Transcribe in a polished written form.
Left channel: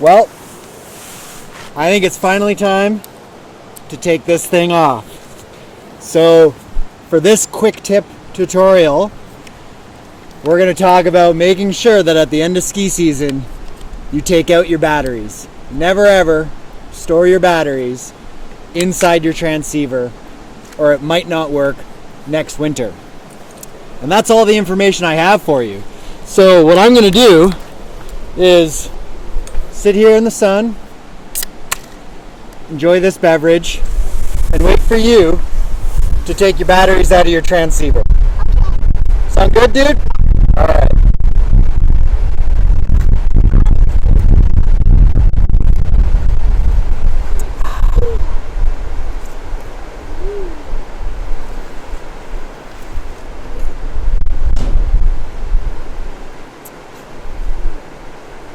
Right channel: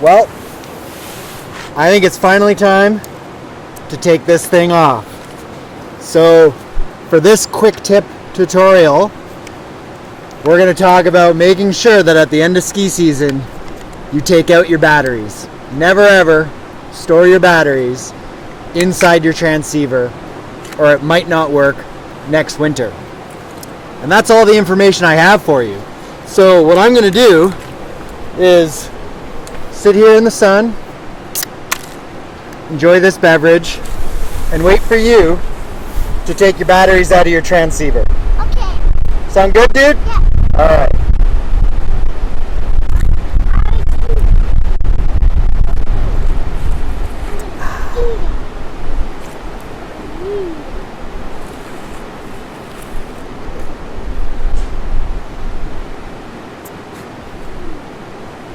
Well, I think it's finally time to take this thing off. So for this quick tip tutorial, we're going to talk about making sure that at the end of ski season, you take out your batteries. Never ever store your batteries inside your transceiver, or it might not work next winter. And that's all the information I have for you. So what I'm going to do is sit here in the sun, enjoy this beverage, and wait for you to take your batteries out of your transceiver. Okay. Sound good, dude? Yeah. All right.